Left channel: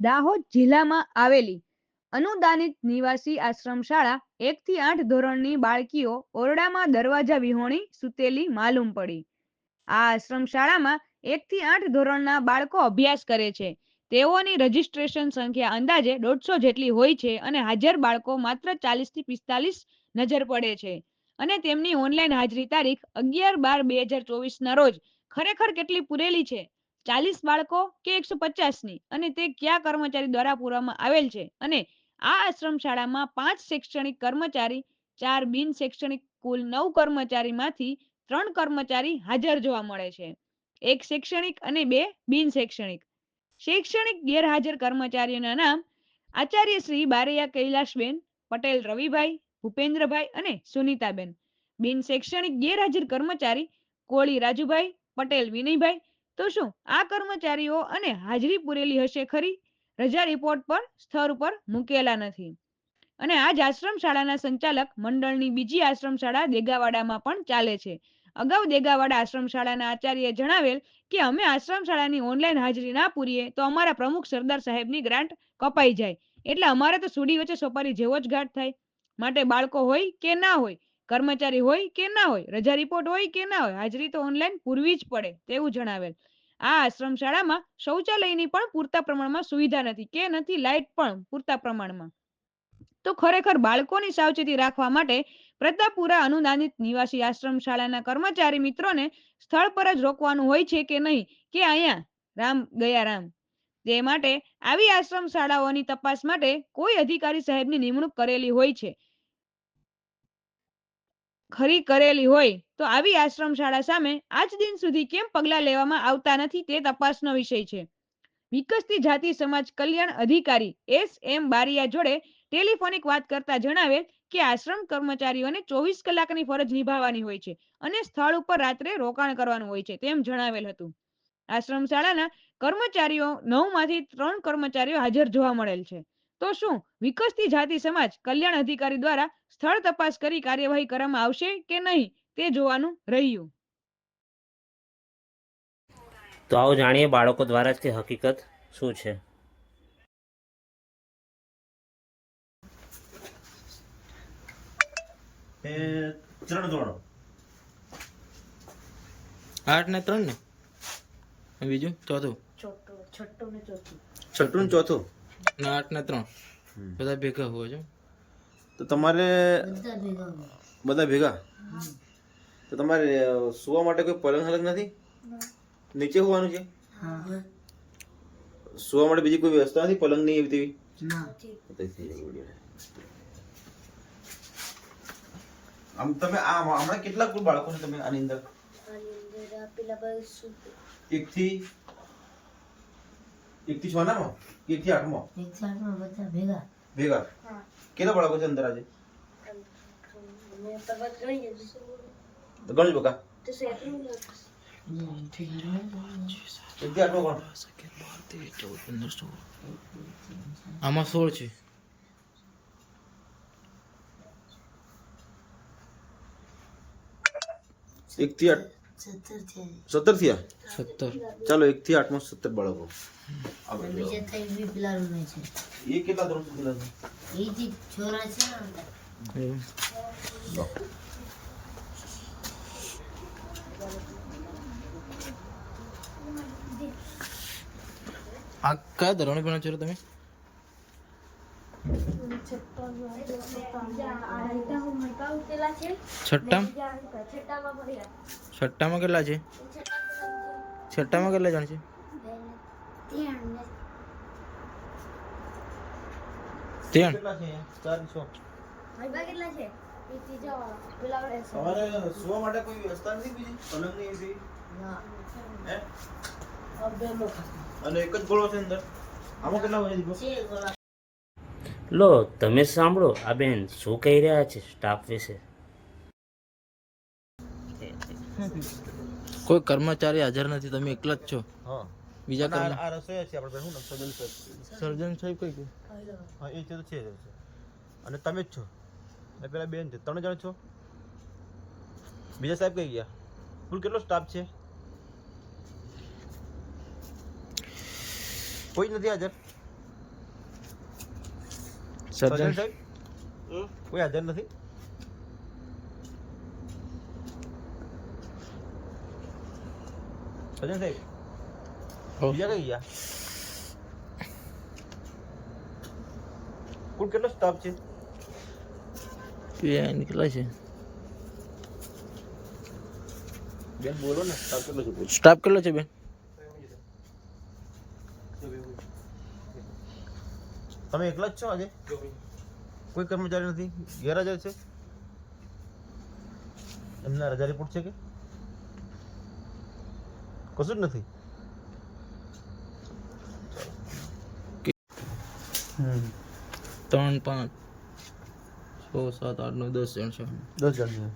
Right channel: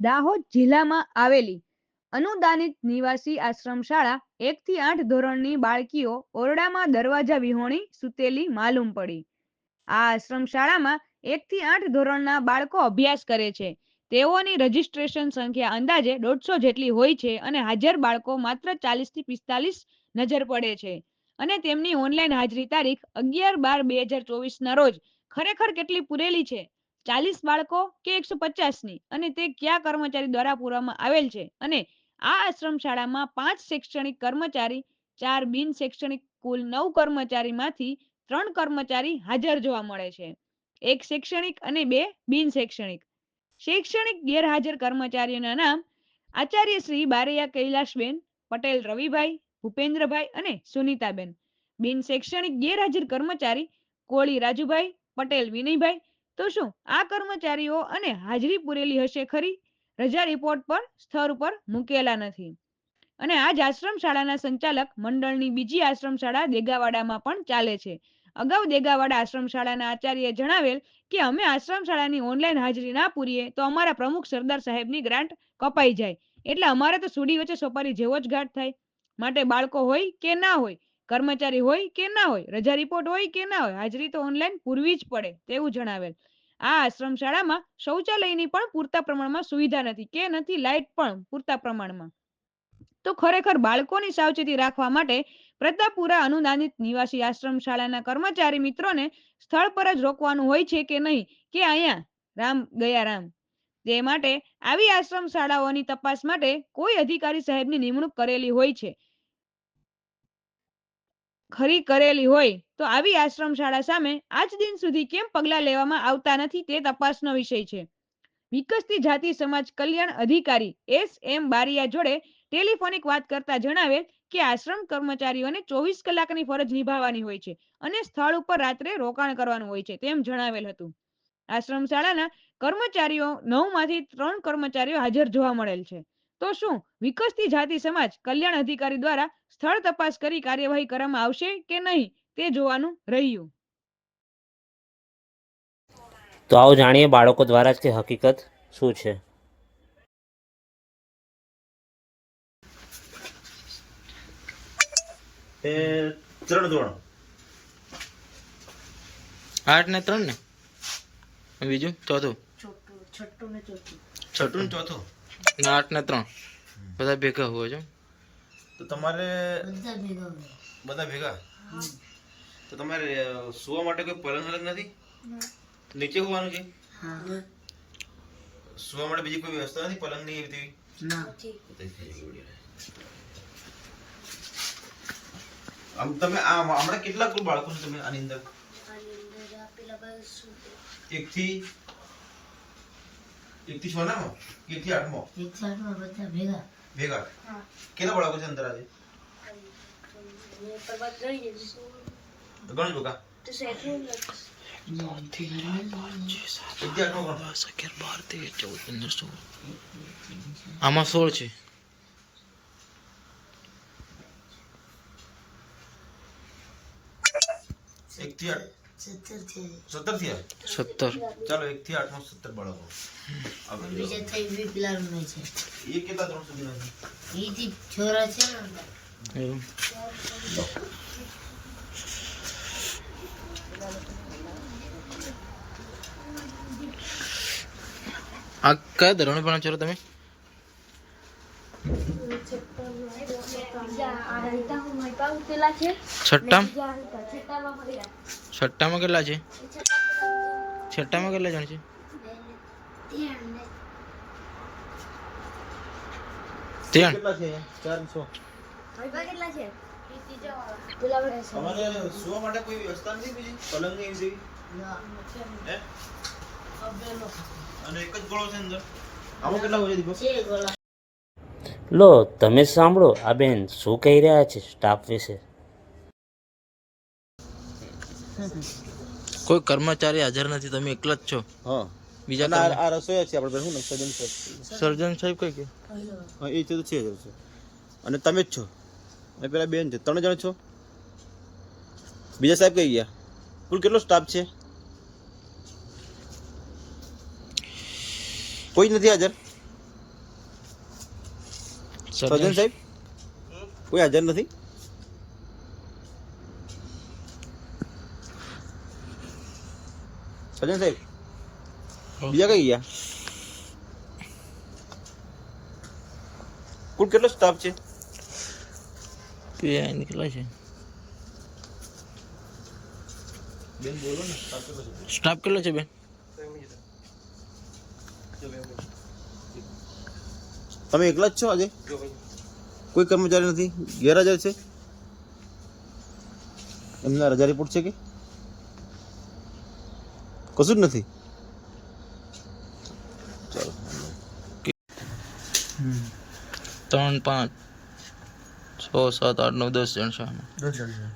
દાહોદ જિલ્લામાં આવેલી અનુદાનિત નિવાસી આશ્રમ શાળા 1 થી 8 ધોરણની બાળકીઓ ઓરડામાં દરવાજા વિહોણી સૂતેલી માલુમ પડી. આ આશ્રમ શાળામાં 1 થી 8 ધોરણના બાળકો અભ્યાસ કરે છે. તેઓની રજીસ્ટ્રેશન સંખ્યા અંદાજે 150 જેટલી હોય છે અને હાજર બાળકો માત્ર 40 થી 45 નજર પડે છે અને તેમની ઓનલાઈન હાજરી તારીખ 11/12/2024 રોજ ખરેખર કેટલી પૂરેલી છે, 40 બાળકો કે 150ની, અને તે કયા કર્મચારી દ્વારા પૂરવામાં આવેલ છે. અને આ આશ્રમ શાળામાં 5 શૈક્ષણિક કર્મચારી, 4 બિન શૈક્ષણિક, કુલ 9 કર્મચારીમાંથી 3 કર્મચારી હાજર જોવા મળે છે, 1 શૈક્ષણિક અને 2 બિન શૈક્ષણિક. શૈક્ષણિક ગેરહાજર કર્મચારીઓના નામ: આચાર્ય શ્રી બારૈયા કૈલાશબેન, પટેલ રવિભાઈ, ભૂપેન્દ્રભાઈ અને સુનીતાબેન. બિન શૈક્ષણિક ગેરહાજર કર્મચારી: કોળી રાજુભાઈ, પટેલ વિનયભાઈ. તો શું આ કર્મચારીઓ અને હાજરી પૂરેલી હશે ખરી? રજા રિપોર્ટ પર સ્થળ ઉપર મૂકેલા નથી. અને આ જ આશ્રમ શાળાના સંચાલક મંડળની બીજી આશ્રમ શાળા દેગાવાડામાં પણ ચાલે છે. અગાઉ દેગાવાડા આશ્રમ શાળાના આચાર્યએ જણાવેલ કે અમે આશ્રમ શાળાની ઓનલાઈન હાજરી ના પૂરીએ તો અમારા પ્રમુખ સરદાર સાહેબની ગ્રાન્ટ કપાઈ જાય, એટલે અમારે તો સુડી વચ્ચે સોપારી જેવો જ ઘાટ થાય. માટે બાળકો હોય કે ના હોય, કર્મચારી હોય કે ના હોય, રજા રિપોર્ટ હોય કે ના હોય, હાજરી તો ઓનલાઈન પૂરવી જ પડે તેવું જણાવેલ. આ આશ્રમ શાળામાં શૌચાલયની પણ પૂરતા પ્રમાણમાં સુવિધા નથી કે નથી લાઇટ પણ પૂરતા પ્રમાણમાં. તો ખરેખર બાળકોની સાવચેતી રાખવા માટે પ્રતાપપુરા અનુદાનિત નિવાસી આશ્રમ શાળાના કર્મચારી મિત્રોને સ્થળ પર જ રોકવાનું હોય છે કે નહીં, કે અહીંયા રામ ગયા રામ? તે માટે આવી આશ્રમ શાળાઓની તપાસ માટે કોઈ અધિકારી સાહેબની નિમણૂક કરેલી હોય છે ખરી કરેલી હોય તો આવી આશ્રમ શાળા સામે આજ દિન સુધી કેમ પગલાં લેવામાં આવતા નથી તે તપાસનો વિષય છે. વિકસતી જાતિ સમાજ કલ્યાણ અધિકારી S.M. બારિયા જોડે ટેલિફોનિક વાત કરતા જણાવેલ કે આશ્રમ કર્મચારીઓને 24 કલાકની ફરજ નિભાવવાની હોય છે અને સ્થળ ઉપર રાત્રે રોકાણ કરવાનું હોય છે તેમ જણાવેલ હતું. આશ્રમ શાળાના કર્મચારીઓ 9માંથી 3 કર્મચારીઓ હાજર જોવા મળેલ છે. તો શું વિકસતી જાતિ સમાજ કલ્યાણ અધિકારી દ્વારા સ્થળ તપાસ કરી કાર્યવાહી કરવામાં આવશે કે નહીં તે જોવાનું રહ્યું. તો આવો જાણીએ બાળકો દ્વારા જ કે હકીકત શું છે. એ 3 ધોરણ 8 ને 3 ને બીજું ચોથું છઠ્ઠું ને ચોથું ને 8 ને 3 બધા ભેગા હોય છે. તો તમારે બધા ભેગા તો તમારે સુવા માટે કોઈ પલંગ હલંગ નથી? નીચે હોવાનું છે? સુવા માટે બીજી કોઈ વ્યવસ્થા નથી પલંગની એવી તેવી? આમ તમે હમણાં કેટલા કુલ બાળકો છો તમે આની અંદર? 1 થી 6 ના 1 થી 8 માં બધા ભેગા કેટલા બાળકો છે અંદર આજે? ગણજો બકા. 1 થી 8 આમાં 16 છે. 1 થી 8 17 થયા. 17 ચાલો 1 થી 8 માં 17 બાળકો. એ કેટલા ધોરણ સુધીના છે? એવું આ કયા ધોરણે ભણો છો તમે? છઠ્ઠામાં કેટલા છે? છઠ્ઠામાં કેટલા જણ છે? 3 કેટલા છે? 4 6. તમારે સુવા માટે કોઈ વ્યવસ્થા નથી બીજી પલંગ ની એવી? હે? અને એક જ ગોળો છે અંદર? આમાં કેટલા હોય દીપક? લો તમે સાંભળો આ બેન શું કહી રહ્યા છે સ્ટાફ વિશે. કોઈ કર્મચારી હાજર નથી, તમે એકલા જ છો? હા. બીજા આ રસોઈ છે આપણે શું સર્જન સાહેબ? સર્જન સાહેબ કઈ કે? હા એ તો છે અને તમે જ છો અને પેલા બેન છે, 3 જણ છો. બીજા સાહેબ કઈ ગયા? કુલ કેટલો સ્ટાફ છે? કોઈ જ નથી હાજર? સર્જન સાહેબ કોઈ હાજર નથી. સર્જન સાહેબ બીજા કઈ ગયા? કુલ કેટલો સ્ટાફ છે? કેટલા છે બેન બોલો ને, સ્ટાફ કેટલો છે? સ્ટાફ કેટલો છે બેન? તમે એકલા જ છો આજે? કોઈ કર્મચારી નથી? ગેરહાજર છે? એમના રજા રિપોર્ટ છે કે કશું જ નથી? 3 5 6 7 8 9 10 જણ છે આમાં. 10 જણ.